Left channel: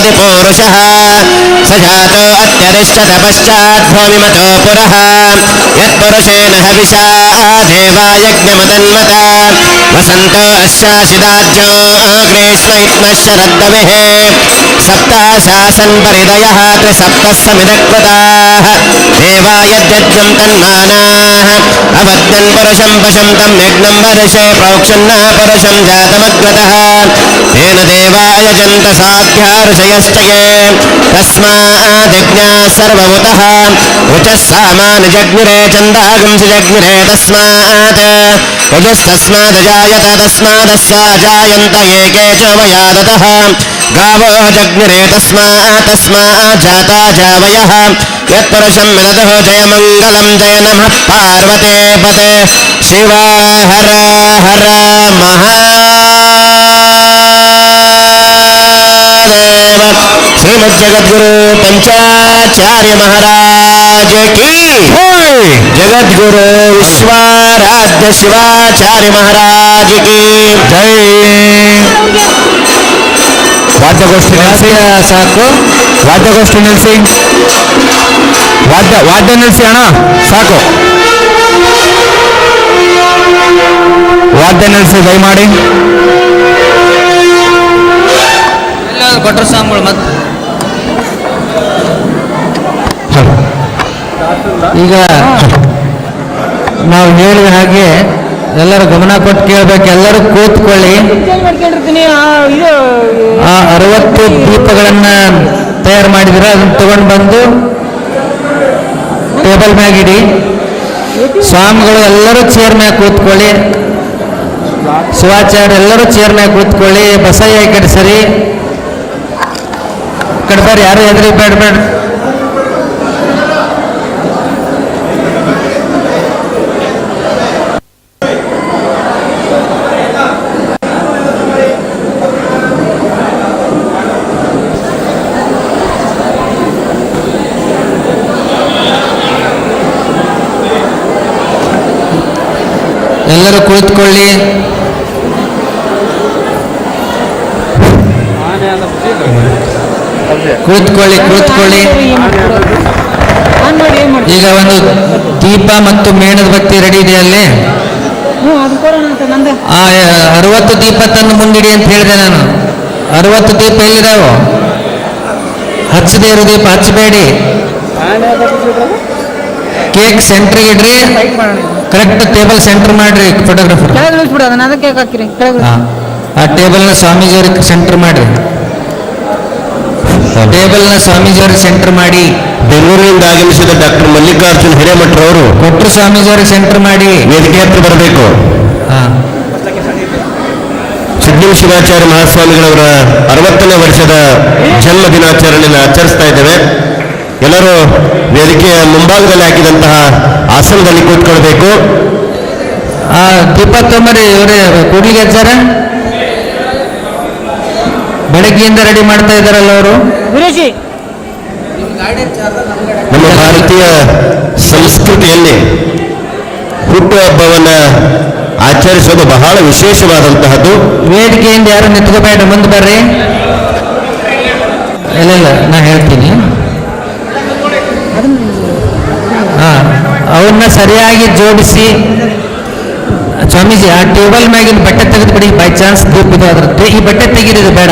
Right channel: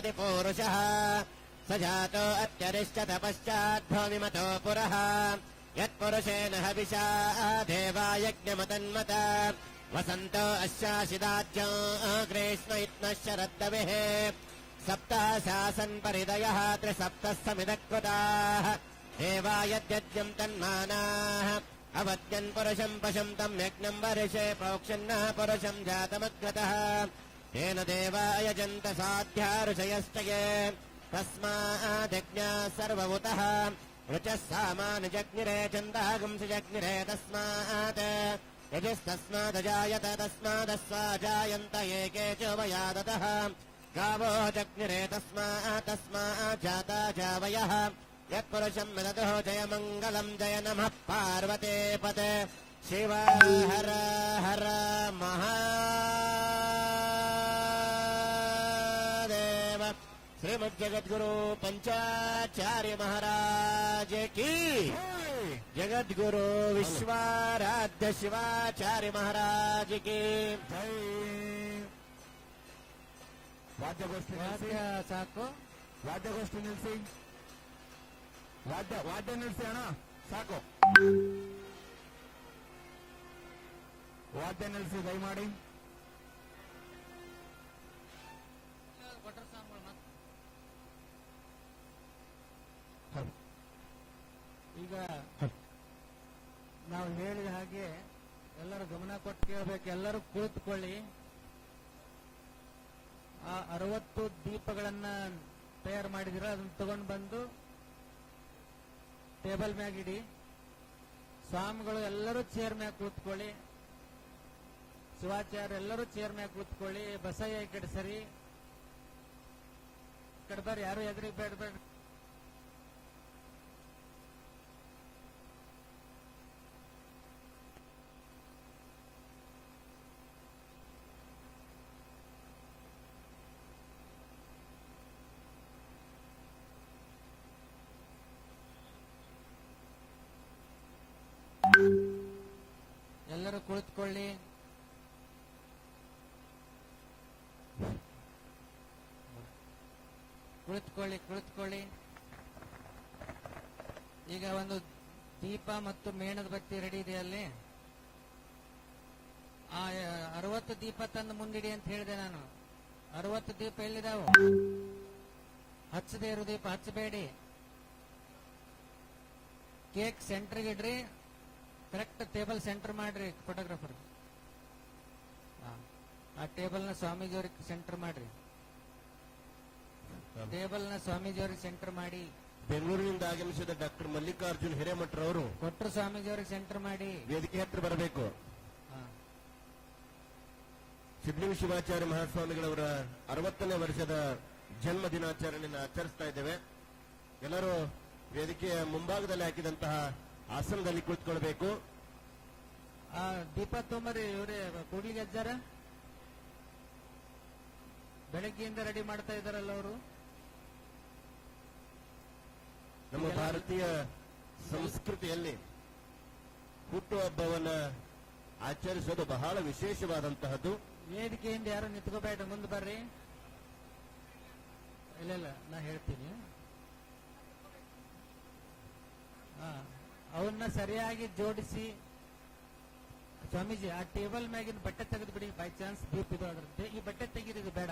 आदिपुरुषः स जातो अत्यरिष्टत पश्चाद्भूमिमतो पुरः यत्पुरुषेण हविषा देवा यज्ञमदन्मत वसन्तो अस्याशिदाज्यो ग्रीष्म इत्मः शरद्दविः सप्ताशासन् परिदयः त्रिसप्तः समिदकृताः देवा यद्यज्ञं तन्मानाः अवद्यन् पुरुषं पशं तं यज्ञं वर्षे प्रोक्षन्न पुरुषं जातमग्रतः तेन देवा यजन्त साध्या ऋषयश्च ये तस्मादिज्ञाः सर्वभूतः ऋचः सामान्यजग्निरे छन्दागुंसि जग्निरे तस्मात् यजुस्तस्मादजायत तस्मादस्या जायन्त एके च वयादतः गावो जग्निरे तस्मात् जाता जावयः यत्पुरुषं विदधो जयमङ्गलं जय नमः पार्वते पते शिव हर हर महादेव श्रीमज्जगद्गुरु पंचाचार्य महाराज की जगद्गुरु विश्वाराध्य शिवाचार्य महाराज की जय. ವಾದ್ಯಗೋಷ್ಠಿ ನಿಲ್ಲಿಸಿ ಸಾಕು. ವಾದ್ಯಗೋಷ್ಠಿ ನಿಲ್ಲಿಸಿ. ವಾದ್ಯ ನಿಲ್ಲಿಸಿ ಅಣ್ಣ ಸಾಕು. ವಾದ್ಯ ನಿಲ್ಲಿಸಿ ದಯಮಾಡಿ. ಕೊಟ್ಟರು ಸಾಂಗಳು ಮತ್ತೆ ಈಗ ನಾವು ಹೇಳಿದ ಹಾಗೆ ಎಲ್ಲರೂ ಗಮನ ಕೊಟ್ಟು ಕೇಳಬೇಕು. ಎಲ್ಲರೂ ಕೂತ್ಕೊಳ್ಳಿ. ಆ 60 ದೀಪಗಳನ್ನು ತಯಾರು ಮಾಡಿದ್ರೆ ಅದನ್ನು ತಗೊಂಡು ಬಂದು ಟೇಬಲ್ ಮ್ಯಾಗಿಡಿ. ಸ್ವಾಮಿಗಳು ಎಲ್ಲರೂ ಚೇರ್ ಮ್ಯಾಗ ಕೂತ್ಕೊಳ್ಳಿ. ಶಿವಾಚಾರ್ಯ ಎಲ್ಲರೂ ಚೇರ್ ಮ್ಯಾಗ ಕೂತ್ಕೊಳ್ಳಿ. ಬಸಯ್ಯ ಈ ಕಡೆ ಸರಿ ಕಡೆ ಬರ್ರಿ. ಯಾರು ಎದುರಿ ಬೇಡ. ಎಲ್ಲರೂ ಕುಳಿತುಕೊಳ್ಳಿ. ಕುಳಿತುಕೊಳ್ಳಿ. ಈಗ ಒಂದು ದೀಪ ಮತ್ತು ಮೇಣದ ಬತ್ತಿ ರೆಡಿ ಇದೆ ಅಲ್ಲಿ. 60 ದೀಪ ತಂದು ಮುಂದಿಡಿ ಅಂತ ಹೇಳಿದೆ ನಾನು. 60 ದೀಪ ಎಲ್ಲಿದಾವು? ಹಚ್ಚದೇ ಇರೋ ದೀಪ ಹಚ್ಚಬೇಡಿ. ಕೇಕ್ ಸೆಂಟ್ರಿಗೆ ಇಡ್ರಿ. ಕರೆಕ್ಟ್ ಟೇಬಲ್ ಸೆಂಟರ್ ಮಾಡ್ರಿ. ಫೋಟೋಗ್ರಾಫರ್ ಆ ಟೇಬಲ್ನ ಸ್ವಾಮೀಜಿಯವ್ರಿಗೆ ಸೆಂಟರ್ ಮಾಡ್ರಿ. ಟೇಬಲ್ನ ಸ್ವಾಮೀಜಿಯವ್ರಿಗೆ ಸೆಂಟರ್ ಮಾಡಿ. ಬೆಂಗಳೂರಿನಿಂದ ಆಗಮಿಸಿದ ಡಾಕ್ಟರ್ ಮಲ್ಲಿಕಾರ್ಜುನ್ ಹಿರೇಮಠರವರು ಕೊಟ್ಟರು ಸ್ವಾಮೀಜಿಯವ್ರಿಗೆ ಸೆಂಟರ್ ಮಾಡಿ ವೇದಿಕೆ ಹತ್ರ ಬರಬೇಕು. ಸಿದ್ಧಲಿಂಗ ಶಿವಾಚಾರ್ಯ ಮಹಾಸ್ವಾಮಿಗಳವರ 60ನೇ ವರ್ಷದ ಜನ್ಮ ದಿನಾಚರಣೆಯನ್ನು ಆಚರಿಸ್ತಾ ಇದ್ದೇವೆ. ಎಲ್ಲರೂ ವೇದಿಕೆಯ ಮುಂಭಾಗದಲ್ಲಿ ಹಾಕಿದಂತಹ ಆಸನದಲ್ಲಿ ಕೂತ್ಕೊಳ್ಬೇಕು. ಆ ದೀಪ ತೊಂಬರಿ ಇವರೇ ಕೂಡ್ಲಿಗೆ ಹಚ್ಚಾರ. ಬೆಳಗ್ಗೆಯಿಂದ ರೆಡಿ ಮಾಡ್ತಾ ಇದ್ದಾರಲ್ಲ ಅವರು. ನಮ್ಮ ಭಾರತೀಯ ಸಂಸ್ಕೃತಿಯಲ್ಲಿ ಹುಟ್ಟುಹಬ್ಬವನ್ನು ಆಚರಿಸೋದು ಬಹಳ ವಿಶೇಷವಾದಂತಹದ್ದು. ವೇದಿಕೆಯಿಂದ ಯಾರು ನಿಂತ್ಕೋಬೇಡ, ಮುಂದೆ ಬರ್ರಿ. ಇಲ್ಲ ನಾ ಹೇಳ್ತೀನಿ. ಅವನ್ನ ಸರಿಯಾಗಿ ಜೋಡಿಸಿ. ಸ್ವಾಮೀಜಿ ಆ ಟೇಬಲ್ ಮ್ಯಾಗಿನ ಬಟ್ಟೆ ತೆಗೆದು ಬಿಡಿ. ಬೈ ಚಾನ್ಸ್ ದೀಪ ಇದು ಅದ್ರ ಈ ಬಟ್ಟೆ ತೆಗೀರಿದು ಬೇಡ.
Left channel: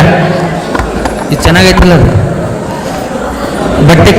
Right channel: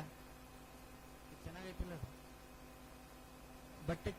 ಇದು ಚೆನ್ನಾಗೈತಲ್ಲ ಅದು ಬಟ್ಟೆ